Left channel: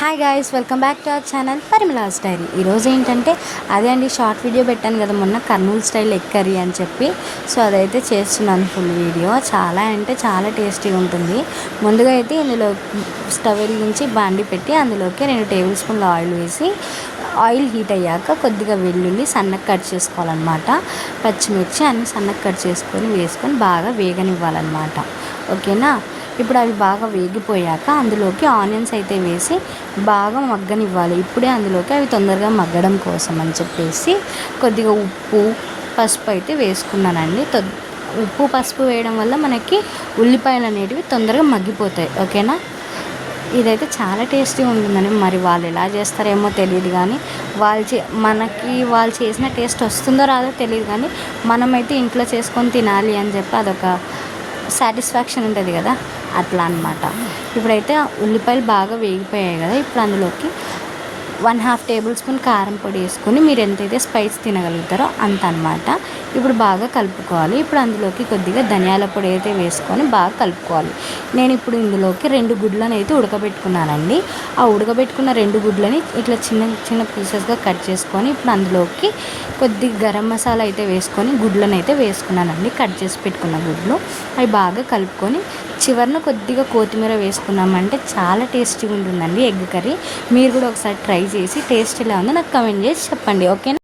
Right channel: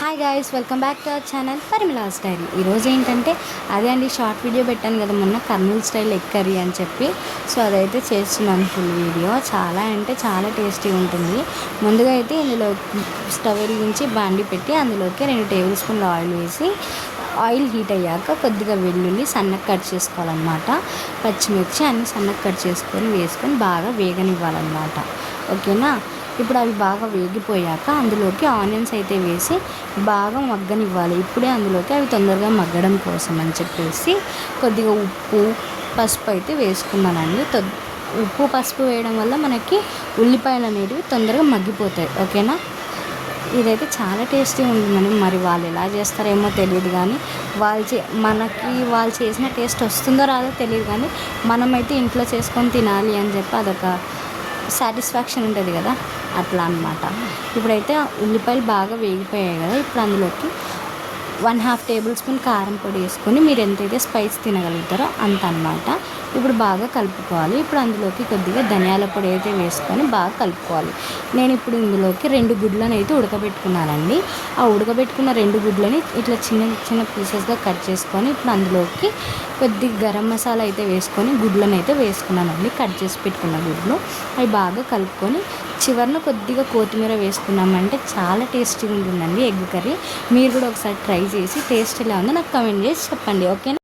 Hi guys, welcome back to our channel Parimala's diary. ఈరోజు ఏంటంటే అదే అండి, షార్ట్ వీడియో పెట్టాను కదా మొన్న, కర్నూలు స్టైల్ ఎగ్ కర్రీ అని చెప్పి. సో అదైతే చేస్తున్నాను ఫుల్ వీడియో. చాలా అంటే చాలా టేస్టీగా ఉంటుంది. ముందుగా అయితే ఇందులో స్టవ్ వెలిగించి బాండి పెట్టి అందులోకి 2 టేబుల్ స్పూన్ల ఆయిల్ వేసి, ఆయిల్ హీట్ అయ్యాక కొద్దిగా వెల్లుల్లి సన్నగా కట్ చేసుకోవాలన్నమాట. పచ్చిమిర్చి అన్ని సన్నగా కట్ వేసుకొని బాగా వేగనివ్వాలన్నమాట. ఓకేనా. ఇప్పుడు అవి బాగా వేగిపోయాక అందులోకి ఆనియన్స్ అయితే వేసి బాగా మగ్గనివ్వాలి. ఇప్పుడే అందులోకి అవి తొందరగా మగ్గడం కోసం అని చెప్పేసి కొద్దిగా ఉప్పు, పసుపు అయితే వేసుకున్నానండి. ఉప్పు పసుపు వేయడం వల్ల మనకి ఉల్లిపాయలు అనేటివి తొందరగా మగ్గిపోతాయి. ఓకేనా. ఇదైతే చాలా టేస్టీగా ఉంటుందండి. మరి వాళ్ళు ఎలా చేస్తారేమో తెలియదు, కానీ వాళ్ళు చేసిన టేస్ట్ వస్తుందో రాదో తెలియదు, కానీ మనమైతే ఇంట్లో చేసుకొని తినాలి అని చెప్పి అదొక సాటిస్ఫాక్షన్ ఉంటుంది కదా, అట్లా అన్నమాట. ఇప్పుడైతే ఉల్లిపాయలు బాగా వేగిపోయాయి కదా, ఇప్పుడు అందులోకి 1/2 టేబుల్ స్పూన్ కారం పొడి వేసుకొని మీరు ఎంతైతే స్పైస్ తినగలుగుతారో అంత అన్నమాట. ఇప్పుడు బాగా కలుపుకోవాలి. ఇప్పుడు అందులోకి కొద్దిగా ధనియాల పొడి అయితే వేసుకొని బాగా కలుపుకోవాలి. నేను ఇప్పుడు ఇందులోకి 2 గుడ్లను అయితే ఉడకబెట్టుకున్నానండి. ఆ ఉడకబెట్టుకున్న 2 గుడ్లని ఇట్లా చిన్న చిన్న పీసెస్గా కట్ చేసుకొని ఇప్పుడు అందులోకి కొద్దిగా గరం మసాలా అయితే వేసుకొని గుడ్లను అయితే వేసుకున్నానండి. కట్ చేసి పెట్టుకున్న గుడ్లు అవి బాగా కలుపుకొని చివరిన కొద్దిగా కొత్తిమీర వేసుకున్నామంటే చాలా టేస్టీగా ఉంటుందండి ఎగ్ కర్రీ. మీరు కూడా ఒకసారి ట్రై చేసి టేస్ట్ ఎలా ఉందో నాకు కమెంట్ చేసి చెప్పండి. ఓకే.